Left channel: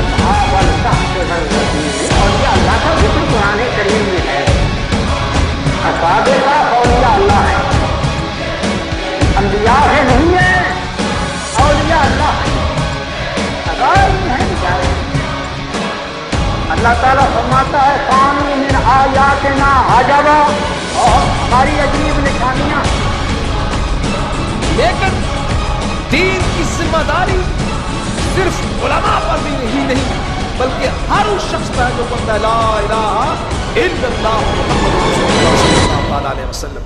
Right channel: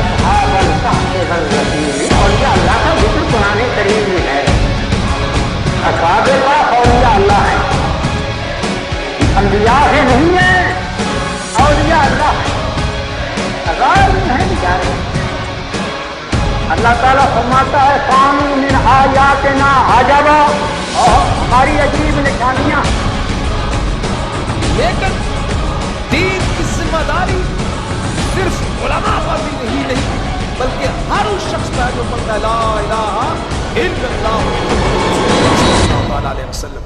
أصحاب الكهف والرقيم أولياء الله کا ذکر قرآن کریم میں ہے. اصحاب الکہف اولیاء اللہ انبیاء بھی نہیں ہیں, اولیاء اللہ غیر نہیں بچارے. اللہ تعالیٰ فرماتا ہے ثانی من آیاتنا عجبا, اور ہماری عجیب نشانیاں. لیکن دین کی ذمہ داری صرف علماء پر بھی نہیں بلکہ ہر اس شخص پر جو پڑھتا ہے لا الہ الا اللہ محمد رسول اللہ صلی اللہ تعالی علیہ وسلم.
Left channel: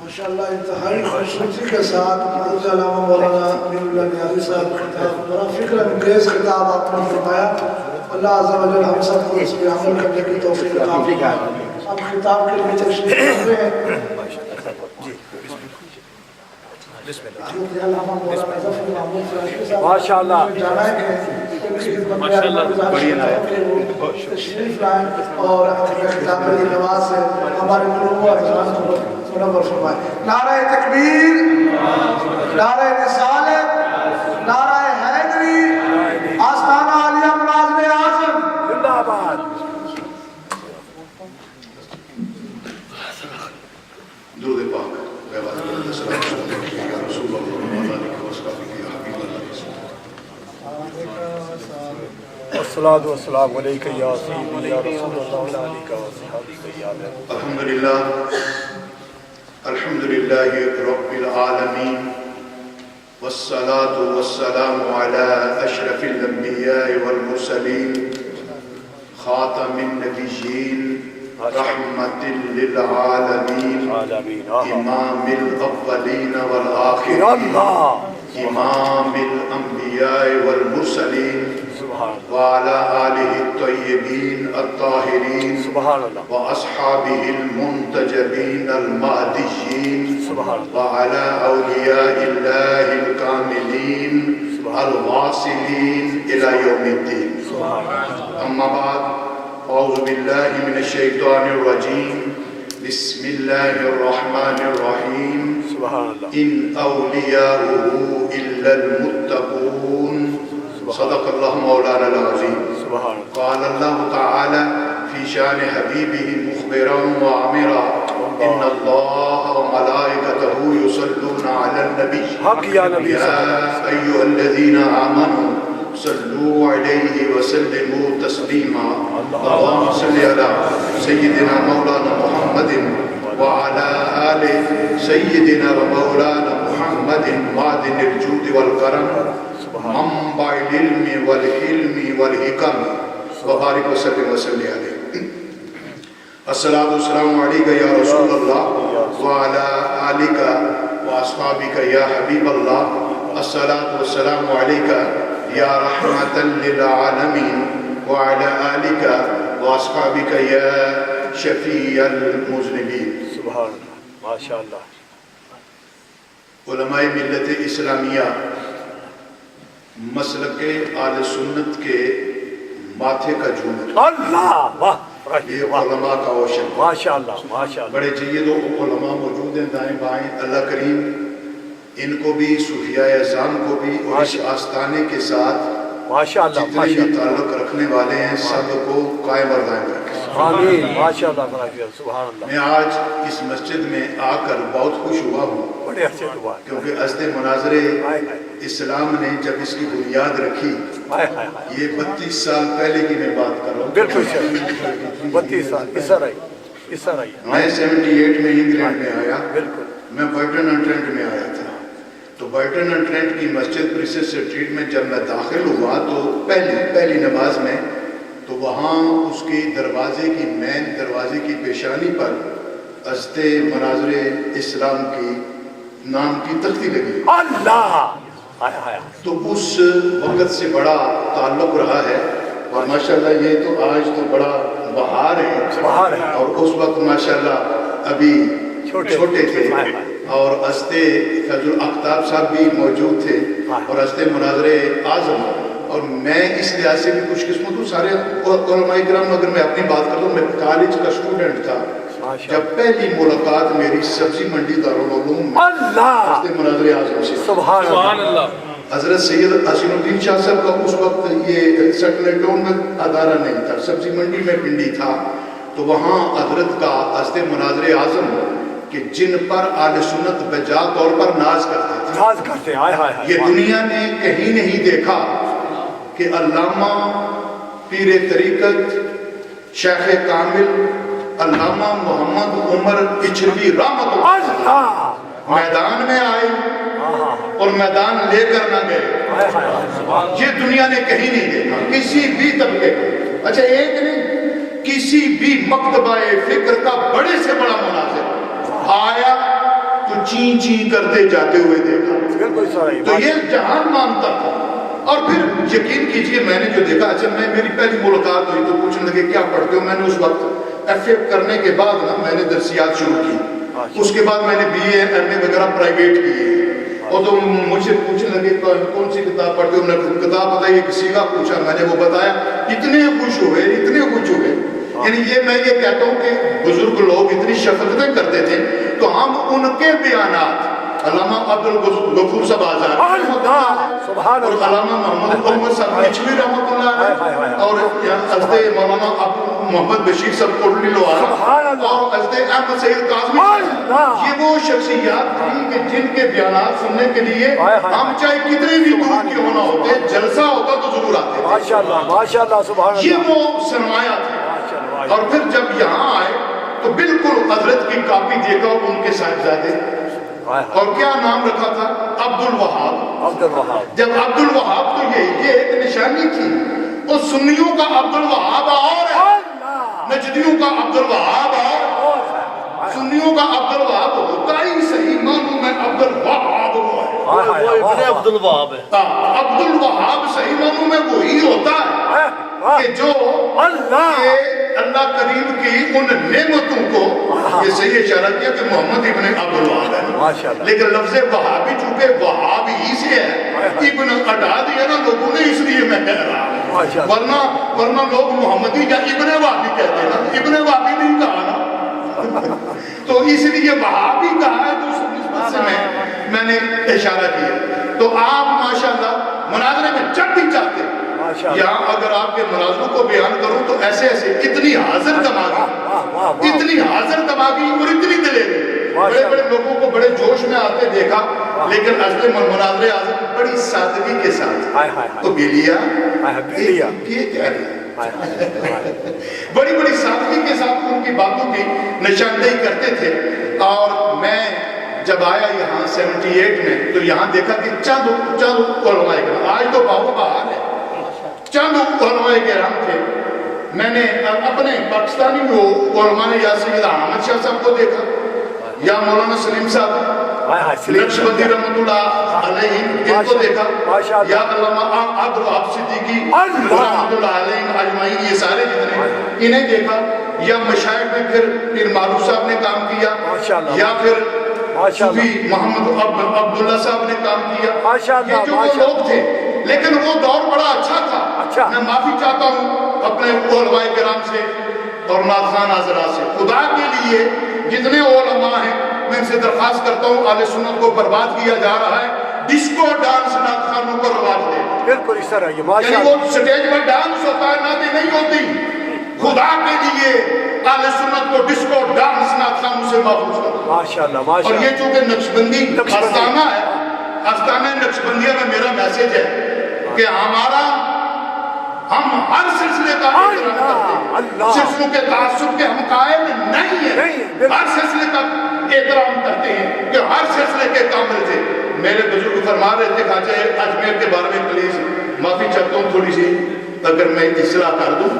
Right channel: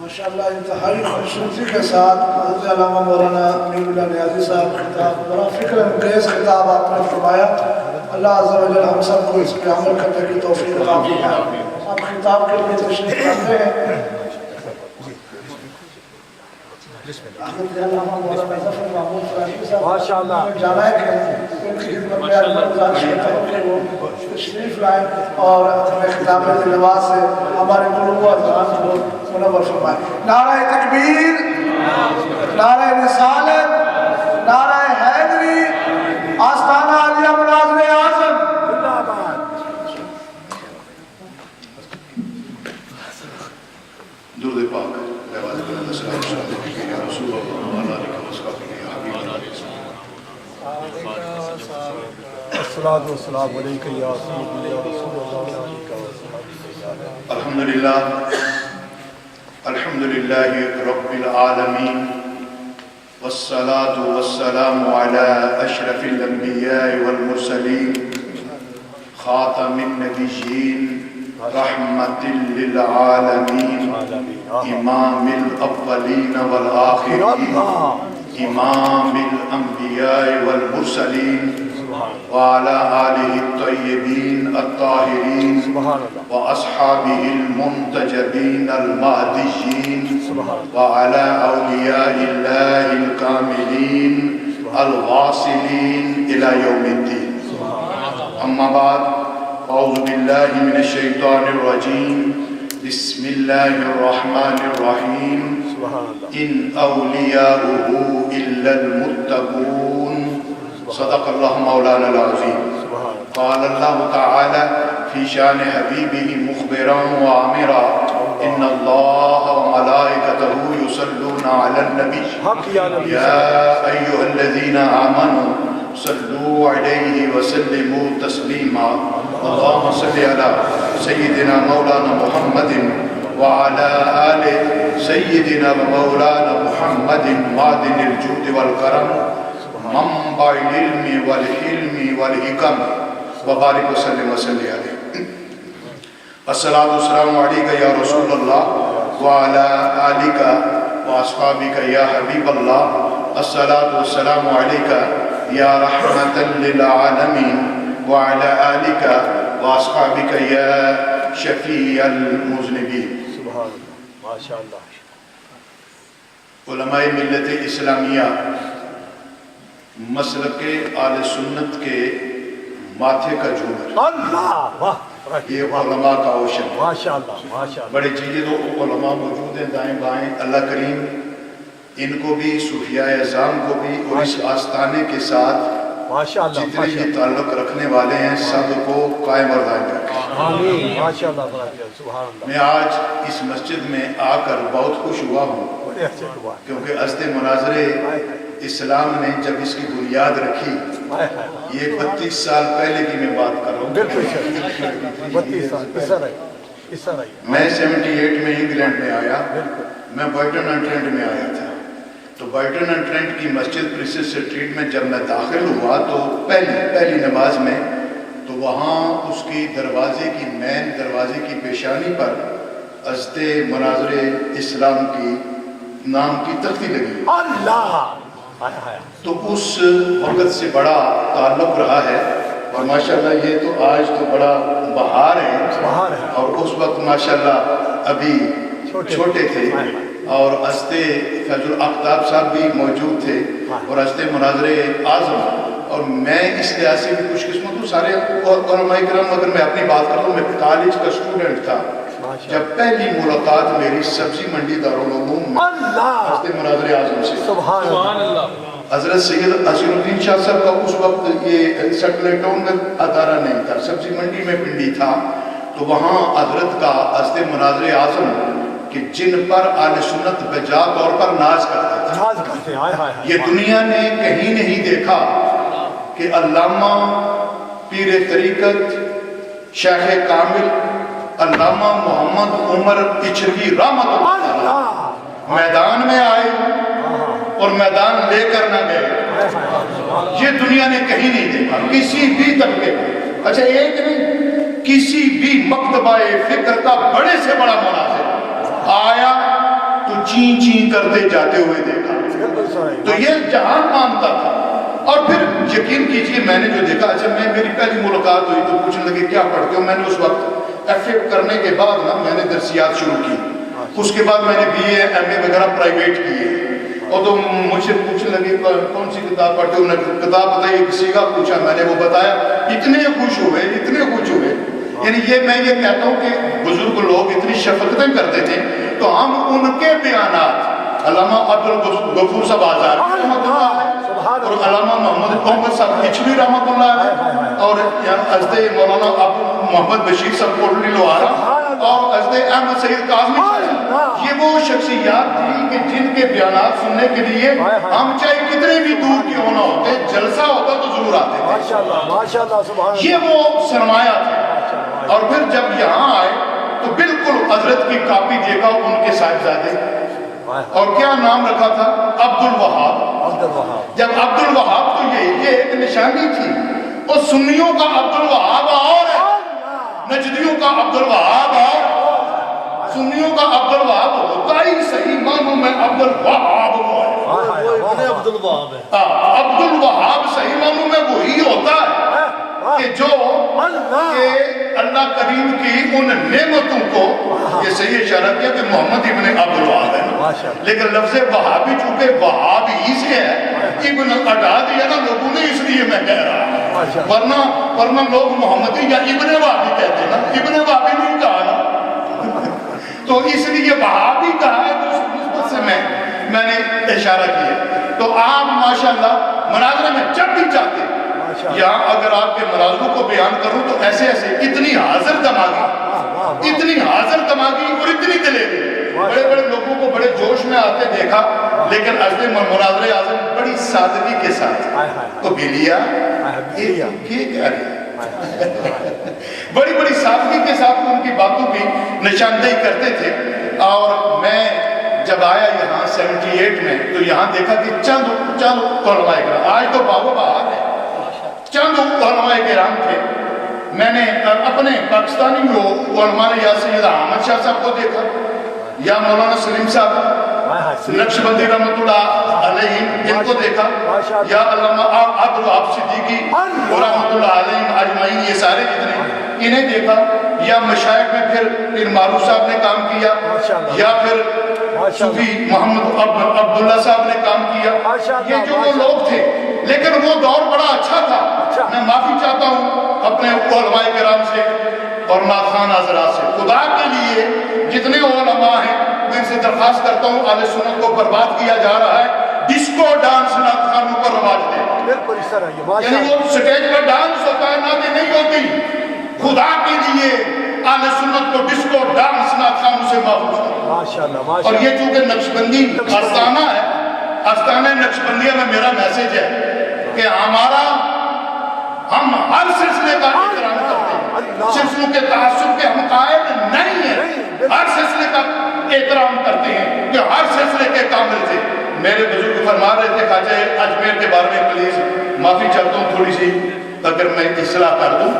ماشاءاللہ انتہائی خوبصورتی کے ساتھ حضرت علامہ مولانا امین اللہ نیازی صاحب خطاب, بڑا فکر انگیز خطاب آپ نے فرمایا. اللہ عز و جل ہم سب کو اس پہ عمل کرنے کی توفیق عطا فرمائے. ہم خطاب کے لیے تشریف لاتے ہیں. حضرت علامہ مولانا ظفر محمود فراشی صاحب ماشاءاللہ جانا ہے کہ ان کی خدمت میں اللہ گزارش کرتا ہوں کہ وہ تشریف لائیں اور اپنے خطاب کے لباس سے ہمارے قلوب و اذہان کو منور فرمائے. نعرہ تکبیر, نعرہ رسالت, نعرہ حیدری, آستانہ عالیہ ملازم اعظم زندہ باد. درود پاک رسول اللہ الصلاۃ والسلام علیک یا سیدی یا رسول اللہ. الحمد للہ رب العالمین والصلاة والسلام على اشرف الانبیاء والمرسلین خاتم النبیین رحمت للعالمین امام الاولین والآخرین امام الانبیاء والمرسلین وعلى آلہ الطیبین الطاہرین واصحابہ المنتجبین المہدیین وعلى اولیاء اللہ الکاملین الواصلین الى یوم الدین. اما بعد, اعوذ باللہ من الشیطان الرجیم, بسم اللہ الرحمن الرحیم. ان اولیاؤہ الا المتقون. صدق اللہ مولانا العظیم. قال اللہ تعالی فی شان حبیبہ مخبرا وآمرا ان اللہ وملائکتہ یصلون علی النبی یا ایہا الذین آمنوا صلوا علیہ وسلموا تسلیما. اللہم صلی علی سیدنا مولانا محمد وعلى آل سيدنا ومولانا محمد معدن الجود والكرم منبع العلم والحلم والحکم وبارک وسلم وسلم علیہ. الصلاۃ والسلام علیک یا رسول اللہ وعلی آلک واصحابک یا حبیب اللہ. الصلاۃ والسلام علیک یا رحمۃ للعالمین وعلی آلک واصحابک یا شفیع المذنبین. سبحان ماشاءاللہ. علماء ملت اسلامیہ مسلک آل سنت کے ماتھے کا جھومر, یہ علماء کا اوشن. بڑے جید علماء موجود ہیں دائیں بائیں. اللہ کریم ان کو بھی, صوفیاء اعظام کو بھی, اور اس آستانے کے ساتھ جتنے یہ تعلق رکھنے والے ہیں سب کو قائم اور دائم رکھے. میں آج اس مسجد میں آ کر بہت خوش ہوا ہوں کیونکہ عزد مناظر اسلام نے جب اس کی بنیاد رکھی, یہ 32 سال پہلے کی میں بات کر رہا ہوں. میں 78 میں انگلینڈ میں آیا, میں برٹن اینڈ ٹرنٹ میں آیا تھا. تو برٹن اینڈ ٹرنٹ کی مسجد پرنسس اسٹریٹ میں جب میں داخل ہوا تو پہلی نماز میں, تو وہاں اس کی دروازے کی مین دروازے کی پیشانی پر عزد مناظر اسلام کی نام کی تختی لگی. تو اس وقت سے بڑا تعلق رہا ہے, اور ماشاءاللہ یہ تو آج تو بڑا بہار ہے, اور اس وقت ماشاءاللہ ابھی چھوٹے تھے. اور ہستے فیض الافتاب صاحب بھی موجود تھے اور ہستے مناظر اعظم. اور میں اس لحاظ سے بھی خوش قسمت ہوں سارے علماء کرام. اگر میں اپنی بات کروں میں کالج کا اسٹوڈنٹ تھا جب پہلی ملاقات میری سبزی منڈی دارالعلوم میں ہستے مناظر اعظم سے. سبحان اللہ. حضرت سید حسین الدین شاہ صاحب کا اس وقت یہ سیٹلائٹ ٹاؤن میں ادارہ نہیں تھا, سبزی منڈی میں پنڈی تھا. تو وہاں حضرت کا ہستے مناظر اعظم کہ جن پر اہل سنت بجا طور پر ناز کرتے تھے. یہ دنیا نے کہیں نہیں دیکھا کہ علامہ پیر طریقت شیخ کامل علامہ محمد عمر اچھروی رحمۃ اللہ میدان میں آئے اور میدان لے کر نہ گئے. یہ دنیا نے کہیں نہیں دیکھا کسی بھی طبقے پر. اچھا ایک نہیں, کسی بھی مکتبہ فکر کا بڑے سے بڑا مناظر آیا تو چین چین کرتے جاتے ہوئے دیکھا. تو یہ جہان مانتا تھا. اور پھر یقین کیجئے میں نے جو دیکھا, اچھا میری پہلی ملاقات ہوئی تو پوچھنے لگے کیا پڑھتے ہو. میں نے اس وقت ایف اے کرنے کے بعد نا میں نے درسیات شروع کی. اس کے بعد میں نے بی اے ایم اے وغیرہ پرائیویٹ کیے. اور تو مجھ سے پوچھنے لگے کون سی کتاب پڑھتے ہو. میں نے کتاب بتائی, ایک سیگا پوچھا, میں نے وہ بتایا. اتنے خوش ہوئے اتنے خوش ہوئے. یعنی یہ میں یہ کہتا ہوں کہ بزرگ لوگ اتنی شفقتیں کرتے تھے تو ہم ان کے بیانات علامہ عبدالغفور صاحب آزاد اور علامہ محمد عمر صاحب اچھوی رحمۃ اللہ علیہ اور حضرت مولانا محمد بشیر صاحب کوٹلی لوہارا اور حضرت احمد سید کاظمی صاحب, یہ وہ شخصیات تھیں کہ جن کے بیانات سننے کے لیے ہم چاہے کتنے بھی دور کیوں ہونا ہوتے, جلسہ ہوتا تو ضرور آتے. یہ وہ سرمایہ تھے. اور پھر جب یہاں آئے تو بالکل حضرت کی کاپی دیکھا ان کے صاحبزادے, اور کیا نام رکھا تھا, عبد الوہاب. جب عبد الوہاب تو یہ ایک نشانی تھی. اور سنیوں کا عبد الوہاب اور ہے, نجدیوں کا عبد الوہاب اور سنیوں کا عبد الوہاب ہوتا ہی صحیح معنوں میں عبد الوہاب ہوا ہے. عبد الوہاب ہے. عبد الوہاب صحیح معنوں میں وہی ہوتا ہے کہ جو اللہ کریم کی ان نعمتوں کو, یہ صحیح اشارہ کیا کہ محمد ابن عبد الوہاب ہے, لیکن لفظ وہابی چونکہ وہاب ہی سے ہے, ابن ہٹا دیا نا لوگوں نے, اس لیے میں کہہ رہا ہوں. ورنہ لوگ محمدی یا ابن وہابی کہتے ہیں نا, ابن وہابی نہیں کہا نا. تو اس لیے وہابی کہا ہے, تو اس نسبت سے میں نے اشارہ کیا. تو آپ ماشاءاللہ مناظرے میں جب بھی چاہتے, یہاں اگر آپ کے مناظروں کو بیان کروں تو ایسے اتنی حاضر دماغی اور اتنی دلیری, بڑے بڑے لوگوں کو بڑے جوش میں آتے دیکھا, لیکن حضرت مناظر اعظم بڑی سادگی کے ساتھ تو بلیا بڑی سادگی کے ساتھ ان کی باتوں کی نشاندہی کرتے تھے. اور میں جب آیا یہاں 78 میں تو یہاں دیکھا کہ چند علماء کرام, آج تو باو بہار ہے, چند علماء کرام تھے. میں نے اپنے پاکستانی علماء نے یا سید احمد شاہ صاحب کو دیکھا, یا مولانا سلیم صاحب نقشبندی رحمۃ اللہ علیہ ان کو دیکھا, یا علامہ عبد الوہاب صدیقی رحمۃ اللہ علیہ اجمعین, یہ سارے جتنے انہیں دیکھا. یا مشائخ میں پھر پیر معروف صاحب نے کام کیا, یا پھر صوفی محمد عبداللہ صاحب نے کام کیا. یہ جو وہ لوگ تھے, لیکن وہ دور بڑا اچھا تھا. میں معافی چاہتا ہوں اپنے علماء کرام سے اور نعت خوان حضرات سے. خدا کے لیے جتنے علماء ہیں میں ان سے درخواست کرتا ہوں, اہل سنت کو برباد کیا جا رہا ہے. ڈسکو ڈانس نعت خوانوں کا رواج ہے, یعنی وہ سٹیج پر ڈانس ہوتا ہے, نعتیں نہیں ہوتی. خدا کے لیے اہل سنت کو ڈسکو ڈانس نعت خوانوں سے محفوظ کرو. اور یہ چونکہ نقشبندی آستانہ ہے, آستانہ نقشبندیہ میں میرا میسج ہے کہ ہم ہر سلسلے کا احترام کرتے ہیں, سلسلوں کے تعصب کے ہم قائل نہیں ہیں. ہر سلسلے کا احترام کرتے ہیں کہ ہر سلسلے کے کامل تھے. میرے بزرگ فرما رہے تھے خواجہ اجمیر کے بارے میں, پلیز معافی چاہتا ہوں تھوڑی سی اگر میں اصلاح کر دوں.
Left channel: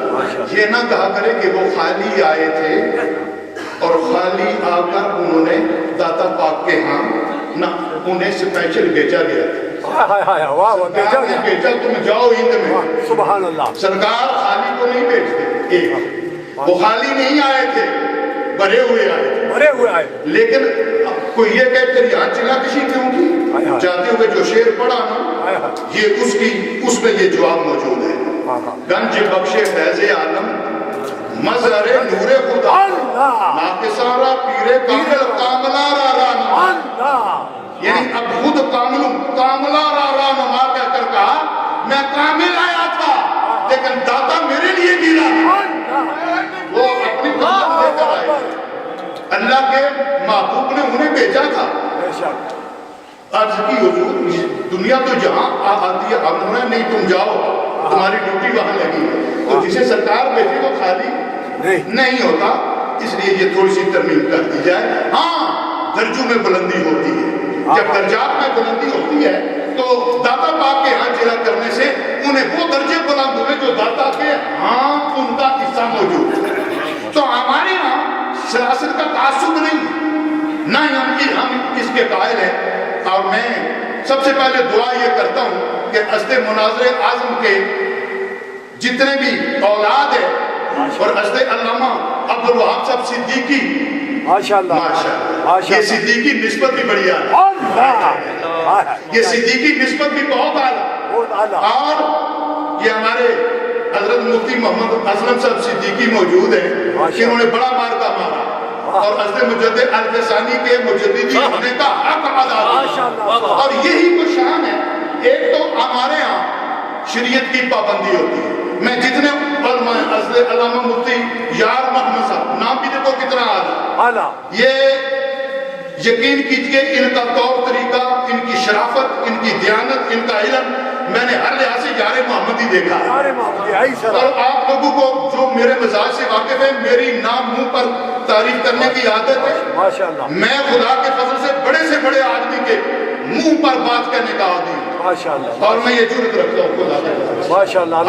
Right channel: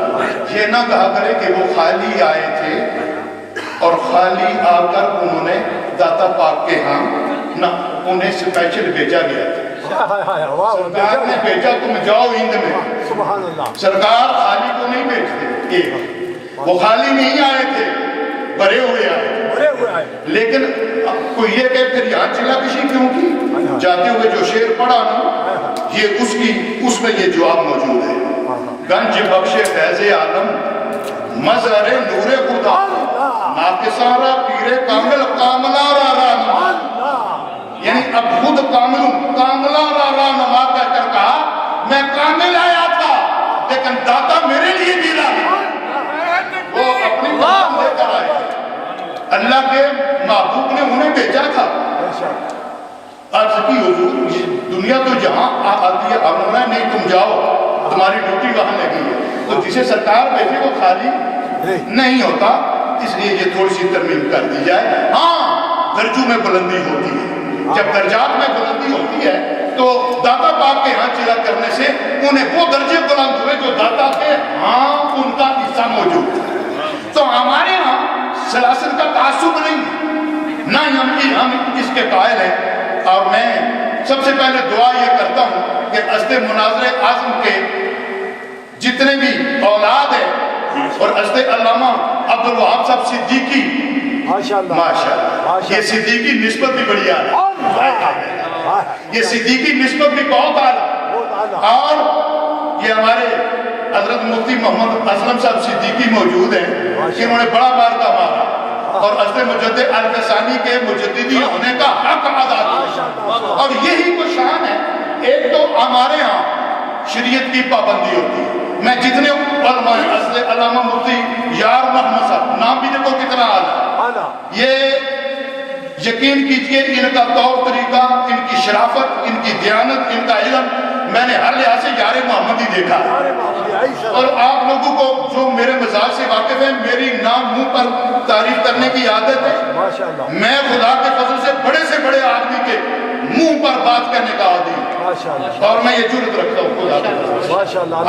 یہ نہ کہا کرے کہ وہ خالی آئے تھے اور خالی آ کر انہوں نے داتا پاک کے ہاں نہ, انہیں سپیشل بھیجا گیا تھا. سرکار نے بھیجا تم جاؤ ہند میں, سرکار خالی کو نہیں بھیجتے. وہ خالی نہیں آئے تھے, بھرے ہوئے آئے تھے. لیکن کوئی یہ کہہ کر یہاں چلا کشی کیوں کی؟ جاتے ہوئے جو شعر پڑھا نا یہ اس میں یہ جواب موجود ہے. گنج بخش فیض عالم مظہر نور خدا ناقصارا پیر کامل کاملا را رانا. یعنی اب خود کاملا را رانا کہہ کر کہا میں کامل آیا تھا لیکن داتا میرے لیے بھی لانا. وہ اپنی کام لے کر آئے. اللہ کے محبوب نے انہیں بھیجا تھا. عرض کی حضور دنیا تو جہاں آتی ہے اب انہوں نے نہیں تم جاؤ تمہاری ڈیوٹی وہاں لگی ہے. تو جسے سرکار بھیجے وہ خالی نہیں ہوتا. اس لیے یہ تھوڑی سی ترمیم کر دی جائے. ہاں درجوں میں بلندی ہوتی ہے. جب درجات میں بلندی ہوتی ہے تو داتا باپ کے ہاں چلا کرنے سے انہیں وہ درجے بلند ہوئے جو داتا کے ہاں ان کا حصہ موجود ہے. تو ہمارے ہاں سلاسل کا تعصب نہیں, نہ ہی ہم اس کے قائل ہیں. اور میں سب سے پہلے دعا یہ کرتا ہوں کہ حضرت مناظر اعظم کے جتنے بھی اولاد ہیں اور حضرت علامہ عبدالوہاب صاحب صدیقی ماشاءاللہ یہ صدیقی نسبت بھی بڑی اعلیٰ, یہ صدیقی نسبت بھی بہت اعلیٰ. اور یہ ہمارے حضرت مفتی محمد اسلم صاحب صدیقی موجود ہیں انہوں نے بڑا مارکا مارا اور حضرت مجدد الفسانی کے مجددی ہونے کا حق ادا کیا. اور یہی وہ شان ہے. ایک تو ہمارے ہاں شریعت کی پابندی ہوتی ہے. میں جتنے علماء حضرت علامہ مفتی یار محمد صاحب نام بھی دیکھو کتنا اعلیٰ, یہ یقین کیجئے ان کا طور طریقہ, ان کی شرافت, ان کی دیانت, ان کا علم میں نے ہر لحاظ سے یار محمد ہی دیکھا. اور آپ لوگوں کو جو میرے مزاج سے واقف ہے میری نام منہ پر تعریف کرنے کی عادت ہے. میں خدا کے فضل سے بڑے آدمی کے منہ پر بات کہنے کا عادی ہوں اور میں یہ جرات رکھتا ہوں خدا.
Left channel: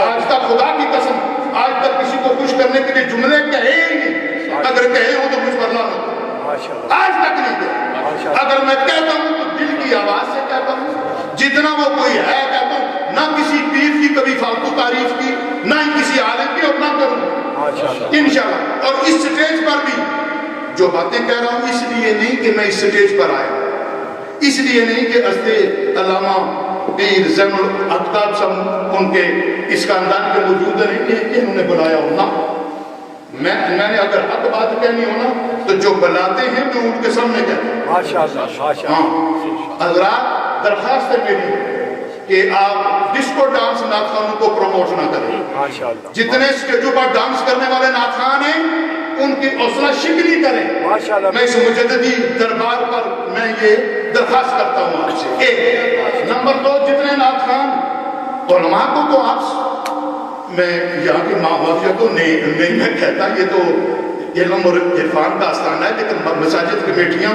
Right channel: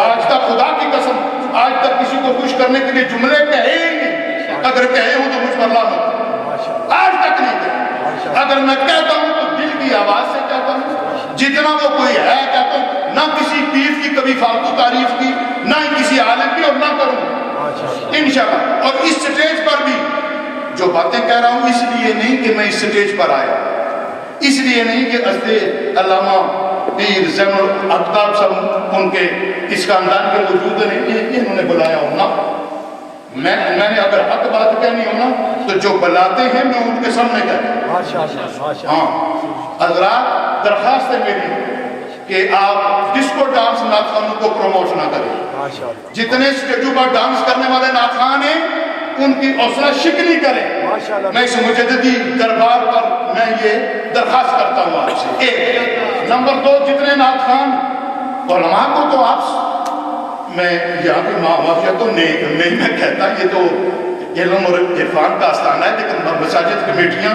آج تک خدا کی قسم آج تک کسی کو خوش کرنے کے لیے جملے کہے ہی نہیں. اگر کہے ہوں تو مجھ پر لعنت, آج تک نہیں کہے. اگر میں کہتا ہوں تو دل کی آواز سے کہتا ہوں, جتنا وہ کوئی ہے کہتا ہوں. نہ کسی پیر کی کبھی فالتو تعریف کی, نہ ہی کسی عالم کی, اور نہ کروں انشاءاللہ. اور اس سٹیج پر بھی جو باتیں کہہ رہا ہوں اس لیے نہیں کہ میں اس سٹیج پر آیا, اس لیے نہیں کہ حضرت علامہ پیر زین العابدین صاحب ان کے اس خاندان کے موجود ہیں انہوں نے بلایا ہونا. میں نے اگر حق بات کہنی ہونا تو جو بلاتے ہیں میں ان کے سامنے کہتا ہوں. ہاں حضرات درخواست ہے میری کہ آپ ڈسکو ڈانس نعت خانوں کو پروموٹ نہ کریں. جتنے اسٹیجوں پر ڈانس کرنے والے نعت خان ہیں ان کی حوصلہ شکنی کریں. میں اس مجددی دربار پر میں یہ درخواست کرتا ہوں آپ سے. ایک نمبر 2, جتنے نعت خان علماء کو تو آپ میں یہاں کی معافیت تو نہیں میں کہتا, یہ تو علم اور عرفان کا آستانہ ہے, لیکن مساجد کمیٹیاں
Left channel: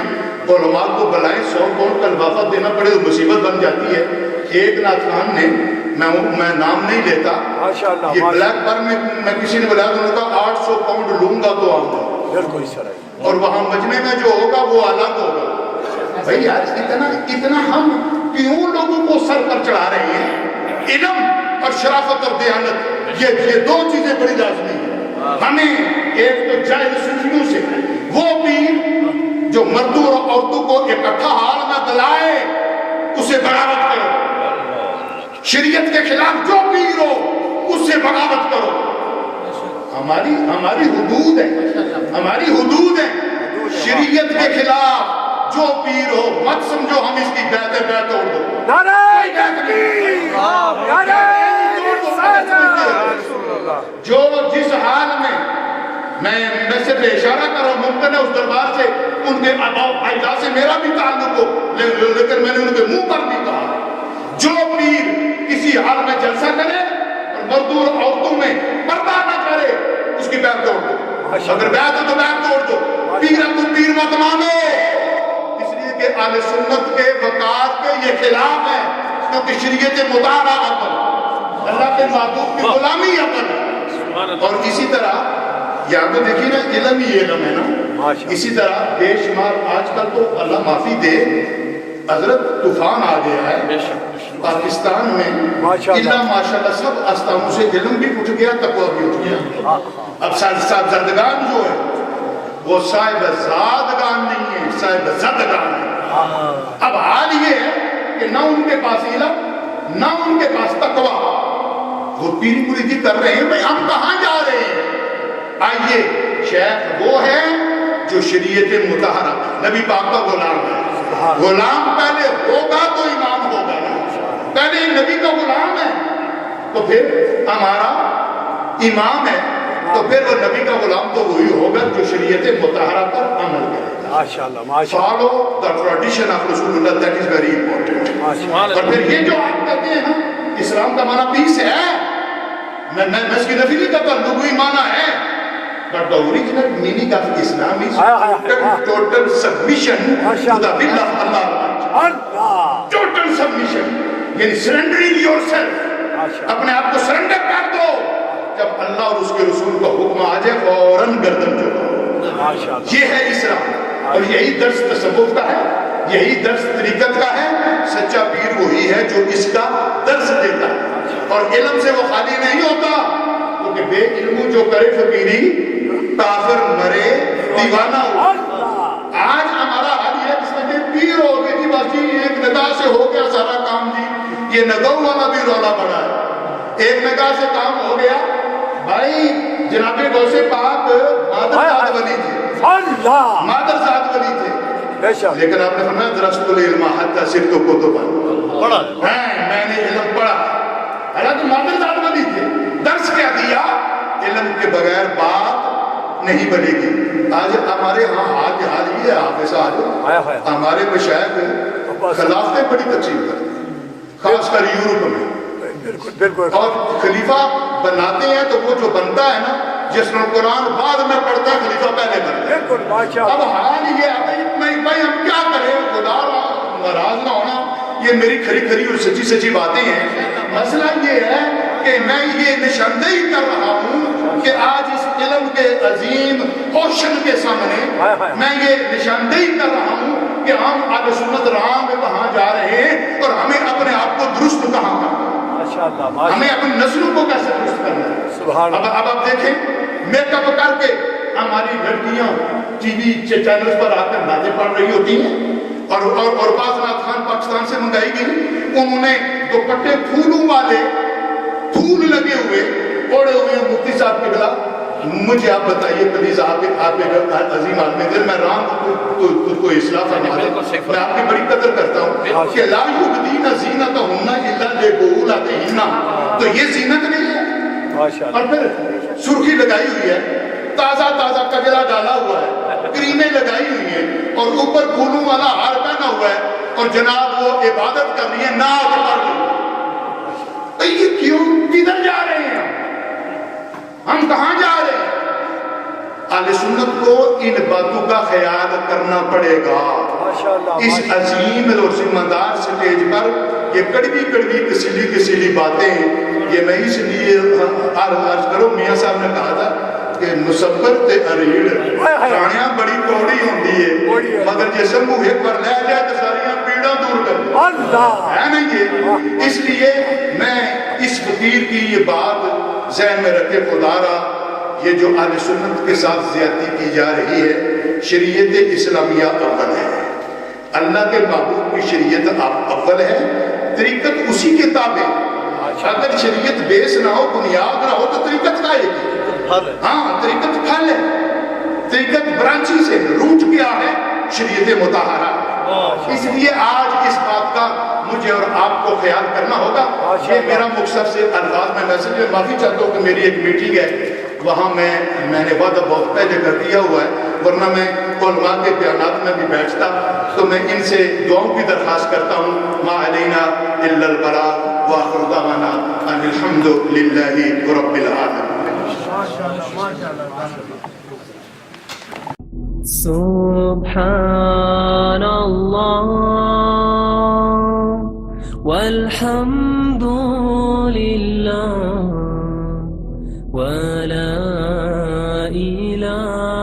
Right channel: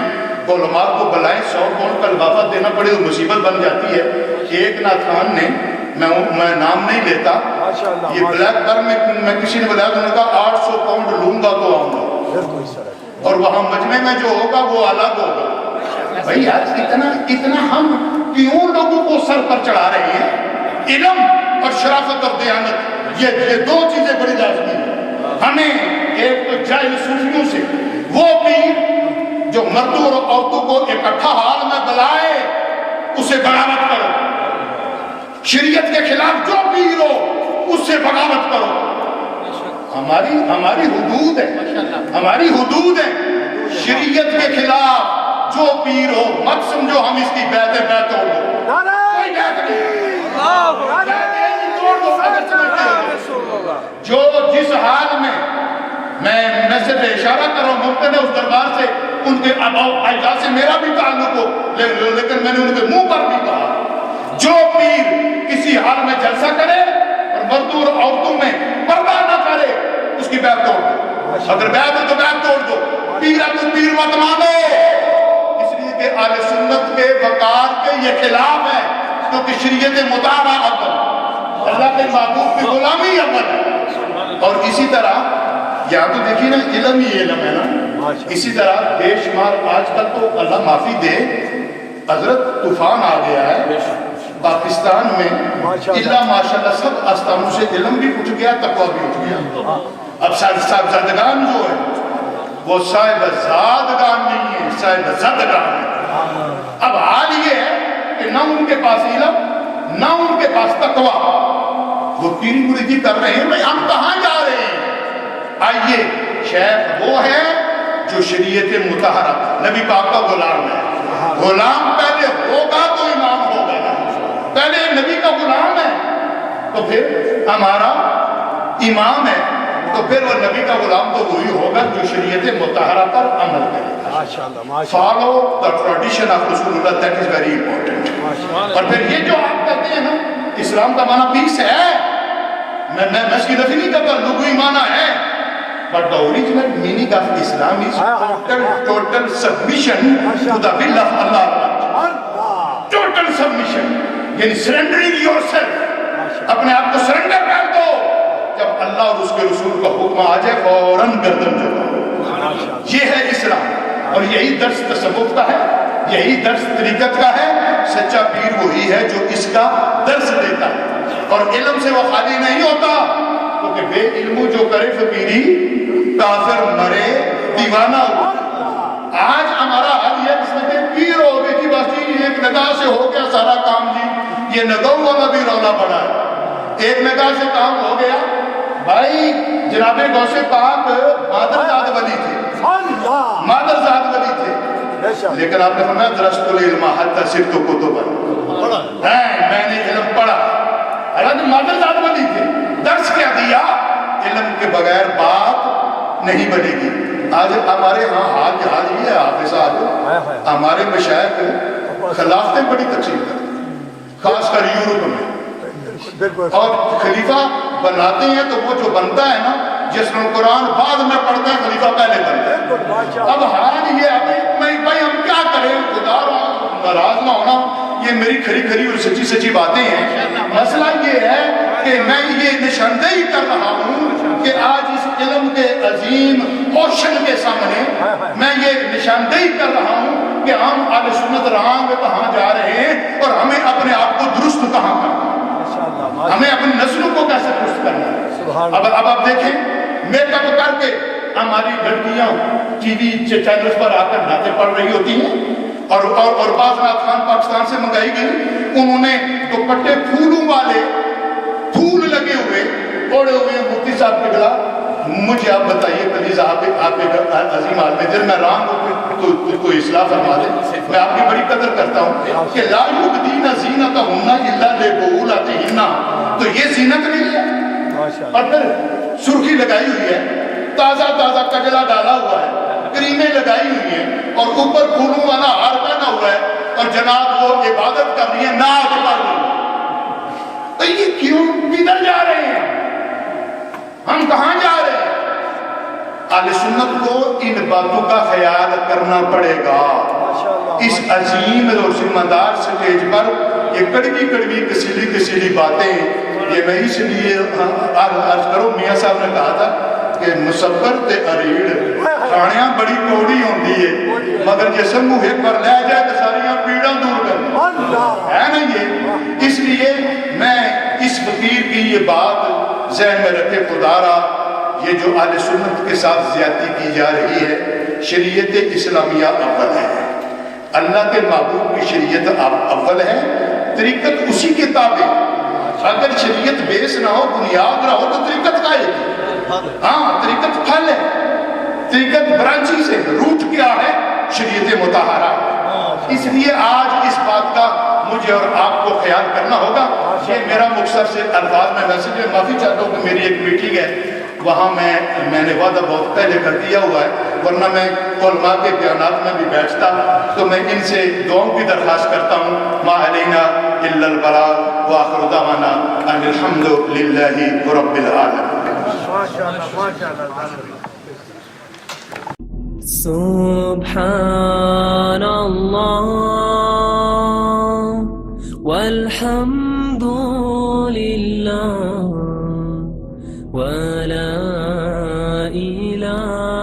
علماء کو بلائیں 100 پاؤنڈ کا لفافہ دینا پڑے تو مصیبت بن جاتی ہے. ایک نعت خان نے میں نام نہیں لیتا, یہ بلیک پر میں کسی نے بلایا تو انہوں نے کہا 800 پاؤنڈ لوں گا تو آؤں گا, اور وہاں مجمع میں جو ہوگا وہ الگ ہوگا. بھائی یار اتنا ہم کیوں لوگوں کو سر پر چڑھا رہے ہیں؟ علم اور شرافت اور دیانت یہ 2 چیزیں بڑی لازمی ہیں. ہمیں ایک تو جاہل صوفیوں سے وہ پیر جو مردوں اور عورتوں کو اکٹھا حال میں بلائے اسے بغاوت کرو. شریعت کے خلاف جو پیر ہو اس سے بغاوت کرو. ہماری حدود ہے, ہماری حدود ہے. شریعت کے خلاف جو پیر ہو مت سمجھو ہم اس کی بیعت توڑ دو. کوئی بیعت نہیں, توڑ دو اگر سمجھتے ہو. جو جس حال میں صرف اشارہ کر رہا ہوں, ممکن ہے اس دربار سے ان کے اجداد سے میرا بھی تعلق ہو, لیکن میں نے ان کے منہ پر بھی کہا جو پیر کسی حال میں جلسہ کرے اور مردوں اور عورتوں میں پردہ نہ کرے اس کی بیعت توڑ دو. اگر بیعت ہے تو بیعت توڑ دو. پیر ہے تو پیر مت مانو, اس لیے کہ اہل سنت کے وقار کے یہ خلاف ہے, کیونکہ شریعت مطالعہ اول, اللہ کے محبوب کی غلامی اول ہے. اور اسی طرح یہاں تو دیکھیے نا علم ہی علم ہے نا, اسی طرح بے شمار آج کل تو اللہ معافی دے حضرت طوفان آ گیا ہے پاکستان میں, اللہ ماشاءاللہ سب آستانوں سے علم بھی اٹھ گیا, تقویٰ بھی اٹھ گیا. اب صاحبزادگان جو ہے وہ صاحب زادگان نہیں ہے، صاحب زدگان ہے۔ اب حال یہ ہے کہ نہ ان کے پاس علم نہ ان کے پاس تقوی، وہ پیری مریدی کر رہے ہیں، بھئی ہم کہاں جا رہے ہیں؟ آئیے، شیخ وہ ہے جو شریعت مطہرہ نبی پاک کا غلام ہے۔ غلام پہلے ہوگا تو امام ہوگا نا، پہلے نبی کا غلام ہے تو پھر ہمارا امام ہے، تو پھر وہ نبی کا غلام تو وہی ہوگا جو شریعت مطہرہ پر عمل کرے گا۔ فالو دا ٹریڈیشن آف رسول اللہ، دیٹ از ویری امپورٹنٹ۔ اور پھر یہ جو آپ کہتے ہیں نا اسلام کا معنی پیس ہے، میں اس کی نفی نہیں کرتا، لغوی معنی ہے، but the original meaning of Islam is total submission to the will of Allah. Total submission، یعنی surrendering yourself، اپنے آپ کو سرنڈر کر دو، جب اللہ اور اس کے رسول کا حکم آ جائے فوراً گردن جھکاؤ۔ یہ ہے اسلام، اور یہی درس تصوف کا ہے، یہی درس طریقت کا ہے۔ سچا پیر وہی ہے جو اس کا درس دیتا ہے، اور علم سے وہ خالی نہیں ہوتا، کیونکہ بے علمو جو کرے فقیری کافر مرے دیوانہ ہو۔ آج ہمارا حال یہ اس میں پیر ہو گئی تھی، بس جی ایک نگاہ سے ہو گیا سارا کام، جی یہ نگاہوں والا بھی رولا پڑا ہے، ایک نگاہ سے کام ہو گیا۔ بھائی جناب غوث پاک مادرزاد ولی تھے، مادرزاد ولی تھے، لیکن آپ نے فرمایا درست العلم حتی صرت کتبا، میں نے علم پڑھا، حالانکہ مادرزاد ولی تھے۔ درس کیا دیا؟ علم کے بغیر بات نہیں بنے گی۔ آج ہمارے ہاں حال یہ ہے حافظ صاحب، ہمارے مشائخ خلافتیں بڑی تقسیم کرتے ہیں، خاص کر یورپ میں، اور خلیفہ بناتے ہیں تو وہ جو بنتا ہے نا، جس میں قرآن بعد میں پڑھتے ہیں، خلیفہ پہلے بنتے ہیں۔ اب حال یہ ہے بھائی ہم کیا کریں، خدا ناراض نہ ہونا، یہ میری کھری اور سچی باتیں ہیں۔ مسئلہ یہ ہے کہ میں یہ نشاندہی کر رہا ہوں کہ آج اس علم کے عظیم اوشن کے سامنے میں یہ نشاندہی کر رہا ہوں کہ ہم اہل سنت راہ میں کہاں جا رہے ہیں، اور ہمیں اپنے آپ کو درست کہاں کرنا ہے، ہمیں اپنی نسلوں کو کیسے درست کرنا ہے۔ اب آپ دیکھیں، میک اپ کر کے ہماری لڑکیاں ٹی وی چینلز پر آ کر نعتیں پڑھ رہی ہوتی ہیں، اور بعض نعت خان پاکستان سے منگائی گئی، انہوں نے دوپٹے پھولوں والے، پھول لگے ہوئے اوڑے ہوئے ہیں۔ مفتی صاحب کی بلا مجھے آپ بتائیے پلیز، آپ ایک عظیم عالم دل، میں رام کو اصلاح فرما دیں، میں آپ کی بڑی قدر کرتا ہوں کہ لا یبدین زینتہن الا لبعولتہن، تو یہ زینت نہیں ہے۔ اور پھر سرخی لگائی ہوئی ہے، تازہ کجلا ڈالا ہوا ہے، کریمیں لگائی ہوئی ہیں، اور اوپر پھولوں والا ہار پہنا ہوا ہے، اور جناب وہ عبادت کر رہی ہے، نعت پڑھ رہی ہے۔ تو یہ کیوں کدھر جا رہے ہیں ہم کہاں جا رہے ہیں؟ اہل سنت کو ان باتوں کا خیال کرنا پڑے گا۔ اس عظیم اور ذمہ دار سٹیج پر یہ کڑوی کسیلی باتیں، یہ میں اس لیے عرض کروں، میاں صاحب نے کہا تھا کہ مصبر تے اریڑ کھانیاں بڑی کوڑی ہوندی ہے، مگر جسم موہے پر لے جائے تو ساریاں پیڑاں دور کر ہے نا یہ۔ اس لیے میں اس فقیر کی یہ بات ذہن میں رکھے، خدا را یہ جو اہل سنت کے ساتھ زیادتی کی جا رہی ہے، شریعت اسلامیہ اول ہے، اللہ کے محبوب کی شریعت اول ہے، طریقت اسی کے تابع۔ اگر شریعت بیس نہ ہو، بنیاد نہ ہو، تو طریقت کا ہے؟ ہاں، طریقت پھل ہے، طریقت برانچیز ہے، روٹ کیا ہے؟ شریعت مطہرہ۔ اس لیے آج اس بات کا مجھے اور آپ کو خیال کرنا ہوگا۔ یہ میرا مختصر سے الفاظ میں ویسے بھی معافی چاہتا ہوں کہ میری ایک میٹنگ ہے، وہاں میں نے وعدہ بہت پہلے کر دیا ہوا ہے، ورنہ میں علماء کے بیانات میں بھی بیٹھتا، تو میں ان سے دعاؤں کی درخواست کرتا ہوں۔ ما علینا الا البلاغ وآخر دعوانا ان الحمد للہ رب العالمین۔ سبحان اللہ والحمد للہ ولا الہ